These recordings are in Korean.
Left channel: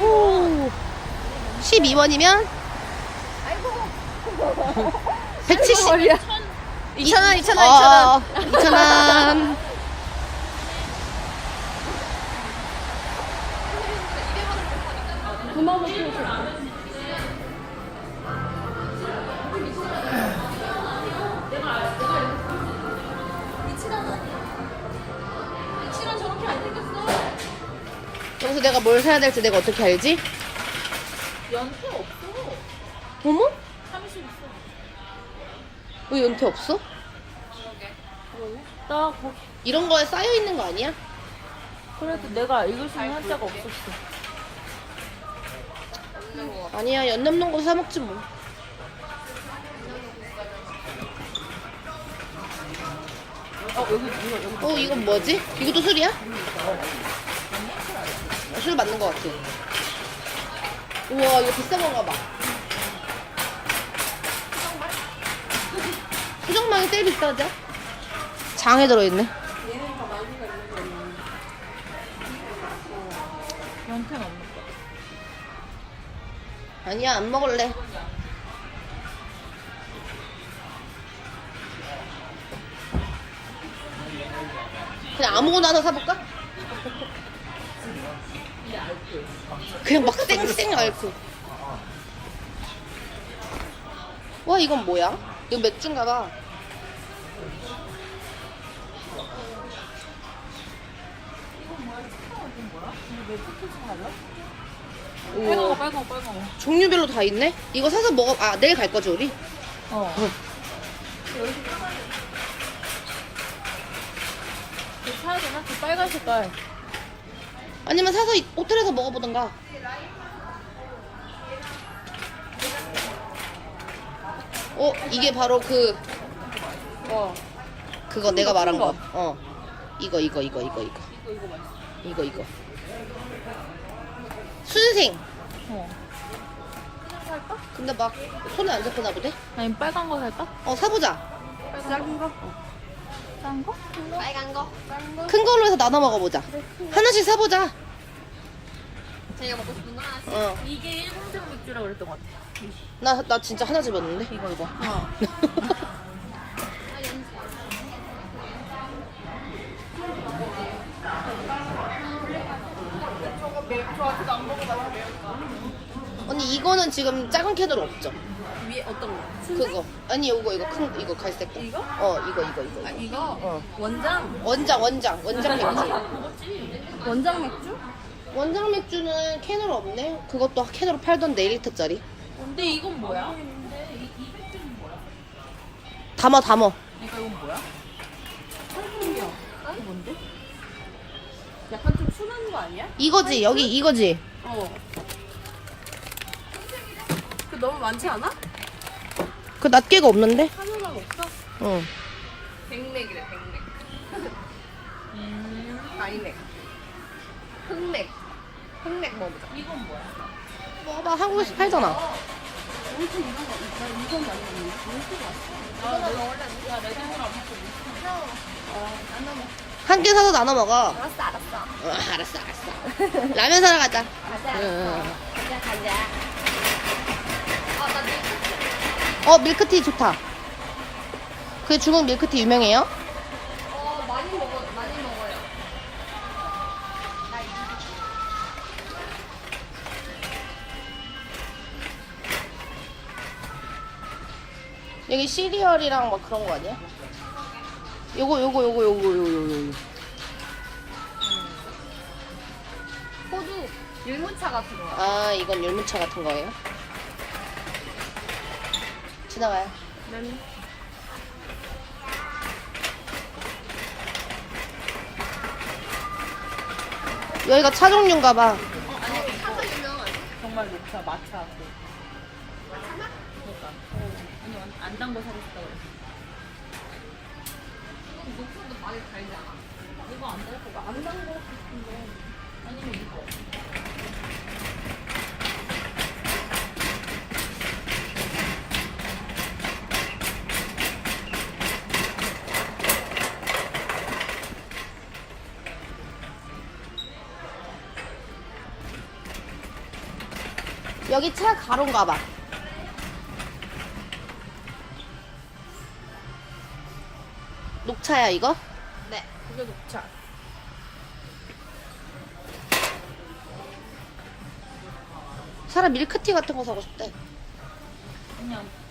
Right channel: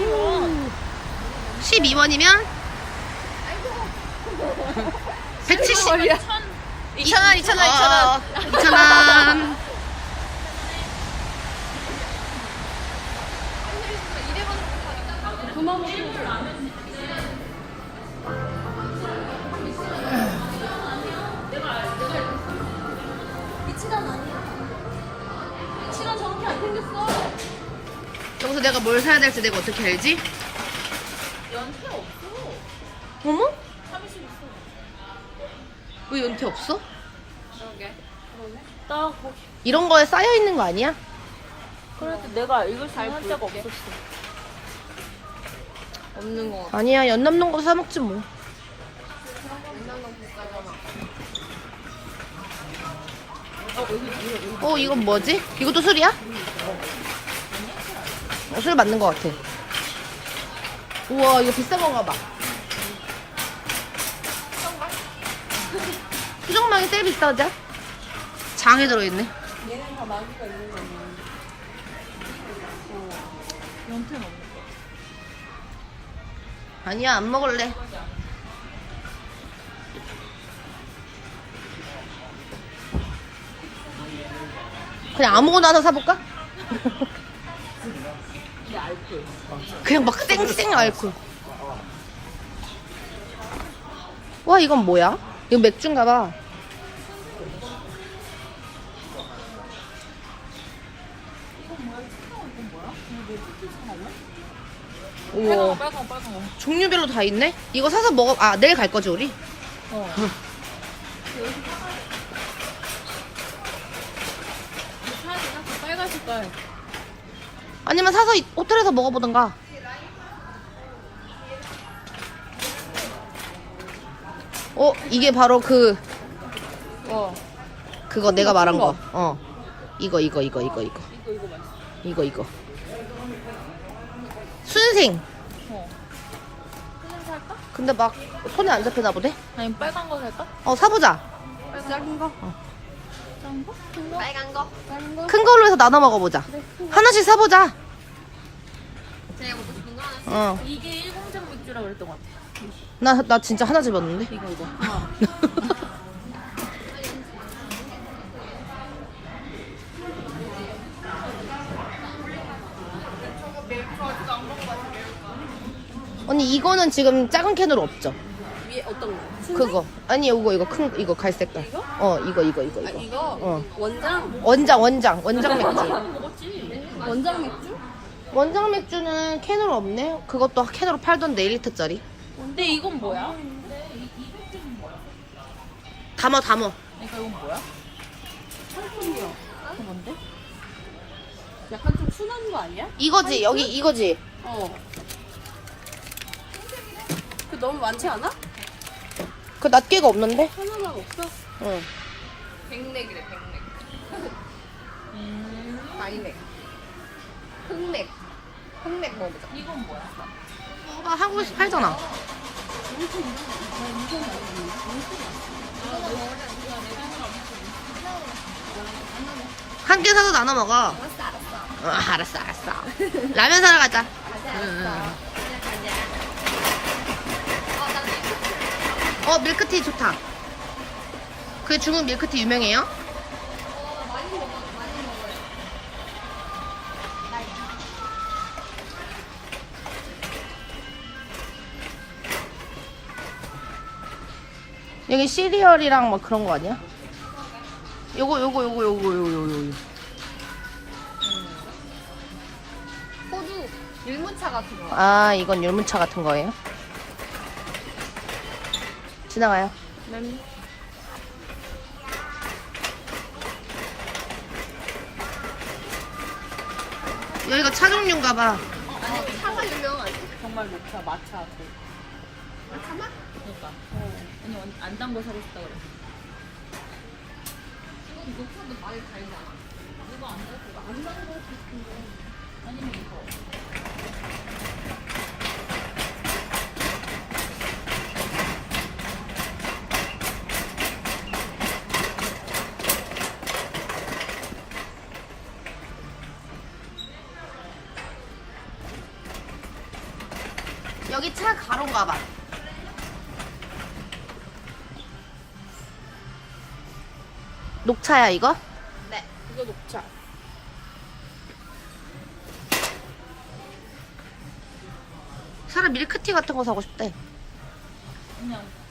오. 12원이면? 170. 2,000원, 2,000원. 어, 2,000원. 내가 뭘 사야 될지 내가 어떻게 알지? 연필 없어. 어머? 왜 연태 없어? 나 이런 거에 쌓여 있는 거 아니야? 그래도 내가 수 있는 데가 없었어. 아니야 연 남는 거 사 먹지 뭐. 어 이건 뭐지? 이것도 술이야? 어, 술 맞는 거 같아. 우와 이거 비싼 건가 봐. 수정망이 제일 비싸지? 장에 들어있네. 아니야 안 먹을래. 그냥 아무거나 하나 사볼까? 그냥 막 쌩쌩 알콜. 와 이건 뭐야? 이거 맥주인가 봐. 우와 빨간 거. 종류별로 다 있네? 이거 사서 먹어 아 내일 갈 거지 우리? 어. 사야 되나? 그 빨간 색깔. 아니면 사서 이- 호텔에서 먹어보던가. 어, 이게 바로 그, 어. 그거 내가 말한 거. 거. 어. 이거, 이거, 이거, 이거, 이거. 이거, 이거. 스생. 근데 막 손에 안 잡히나 보네? 아니 빨간 거 할까? 어, 사보자. 빨간 거? 짠 거? 큰 걸로 해서 나눠 먹어보자. 하나씩 사보자. 제가 먹고 싶은 거 하나씩. 어. 이게 일본장 맥주라고 그랬던 것 같아. 나, 나 진짜 하나씩 먹는데? 이거 이거. 어. 언니, 이거는 지금 작은 캔으로 없죠? 위에 어떤 거? 그거 아니 이거 이거 큰 이거 갈색깔 이거? 어 이거 이거 이거 아, 이거 이거 어. 원장? 원장 원장 원장 맥주. 원장 맥주? 원장 맥주는 캔으로 없네 그것도 캔으로 팔던데 1리터짜리 근데 이건 뭐야? 이, 이 맥주는 뭐야? 담어 담어 그러니까 이건 뭐야? 철분이야. 이거 뭔데? 약간 좀 순한 거 아니야? 이거지 여기 이거지 어. 그 너무 많지 않아? 그 낱개가 없는데 하나만 없어? 어 백맥이래 백맥. 음. 다이맥. 흑맥. 흑맥 먹어보자. 이건 뭐야? 먹어봐 한국에서 팔잖아 엄청 이런 거. 나 이건 많이 먹는데. 엄청 맛있어. 야, 내가 원래 야, 내가 이걸 안 먹거든. 어, 안 먹어. 한개 사서 나눠 먹어 알았어, 알았어. 어, 알았어 알았어 라면 사러 가자 가자. 응. 그냥 가자. 어 밀크티 좋다 그 중국 밀크티 유명해요? 어, 많이 먹어, 많이 먹어요. 여기 시리얼이랑 뭐 그런 거 아니야? 요거 요거 요거 요거 요거 요거 요거 호두, 율무차 같은 거. 아 이건 열무차 같은 거예요? 지나가요 면 여기가 차 종류인가 봐 어, 아니면 이거. 정말 녹차, 마차. 그. 그러니까. 어, 안 담궈 사고 싶다 그래. 녹차도 많이 달지 않아? 이거 안 담궈, 안 담궈 싶은데. 여기 차 가로인가 봐. 녹차야 이거? 네. 이거 녹차. 사람 밀크티 같은 거 사고 싶대. 있을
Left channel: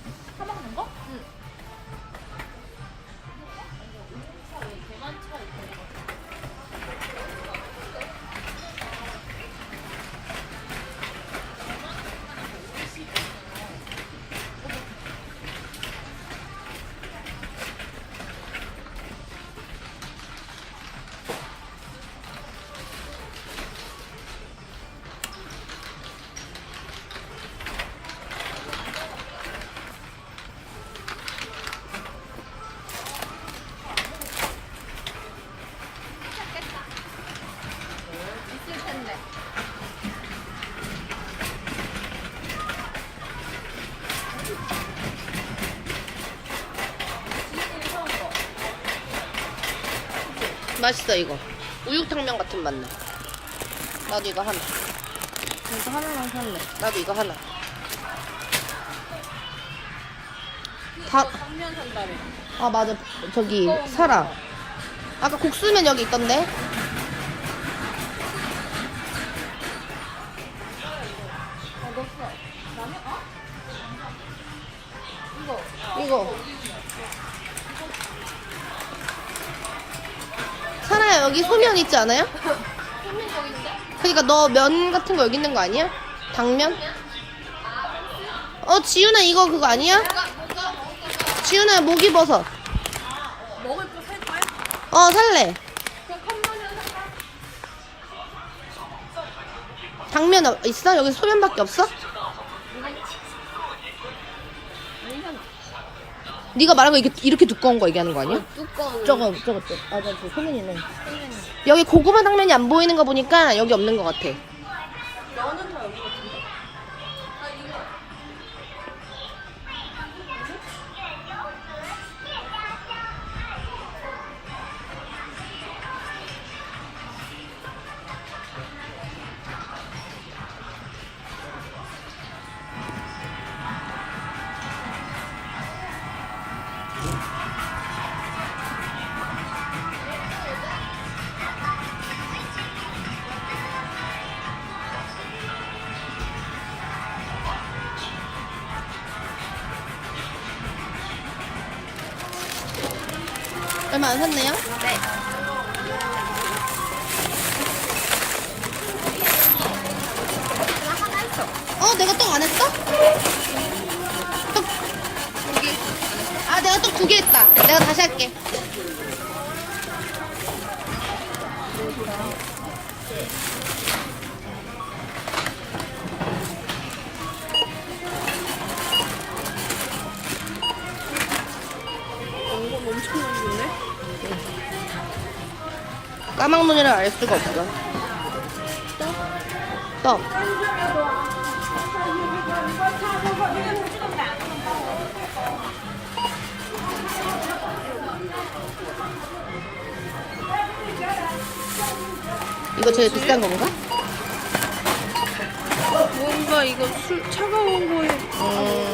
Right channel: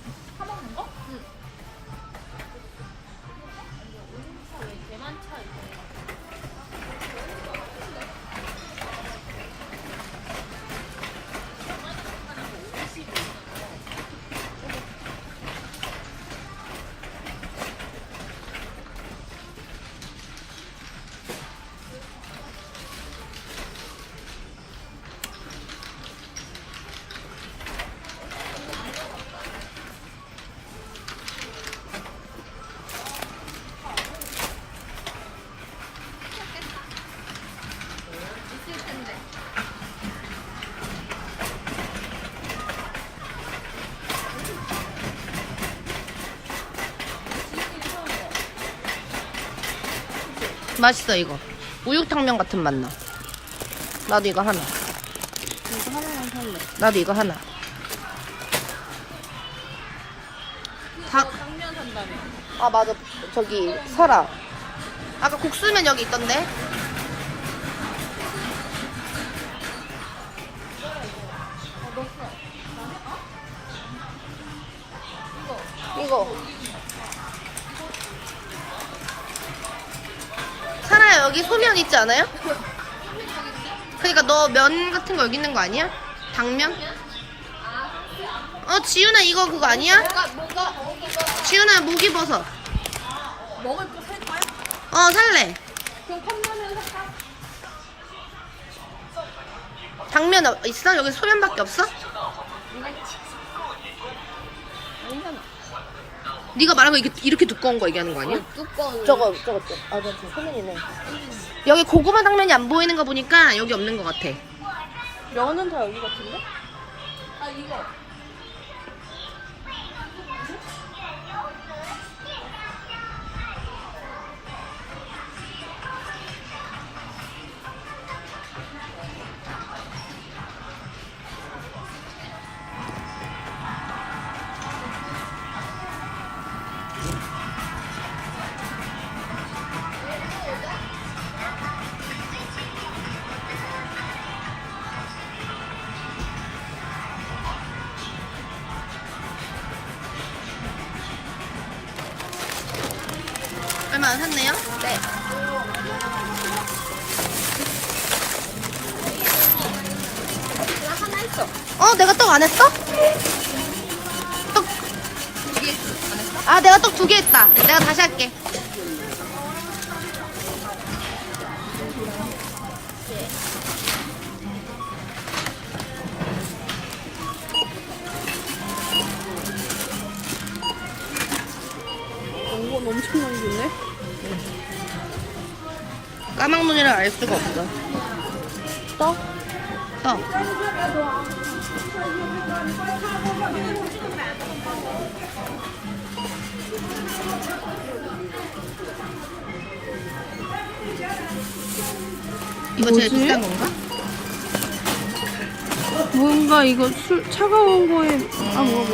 맛있어 이거. 우육탕면 같은 맛 나. 나도 이거 하나. 이거 하나만 살래. 나도 이거 하나. 산다고. 아 맞아. 저기 사라. 아까 국수면 여기 있던데. 여기 소면 있지 않아요? 그러니까 너 면 같은 거 여기 있는 거 아니야? 당면? 어 지윤아 이거 그거 아니야? 지윤아 거 살까? 어 살래 당면 어- 있어? 여기 소면밖에 없어? 네가 말한 거 이렇게, 이렇게 두꺼운 거 얘기하는 거 아니야? 두꺼운. 저거 저거 아 저거 여기 고구마 당면이 안 보이는 거 보니까 여기 없는 것 같아 면은 다 여기 같은데? 얼마 안 샀네요? 네. 어 내가 떡 안 했어? 떡. 아 내가 떡 두 개 했다 내가 다시 할게 엄청 남겼네. 까막눈이를 알 수가 없어 떡? 떡 이거 제일 비싼 건가? 뭔가 이거 술 차가운 거에 음,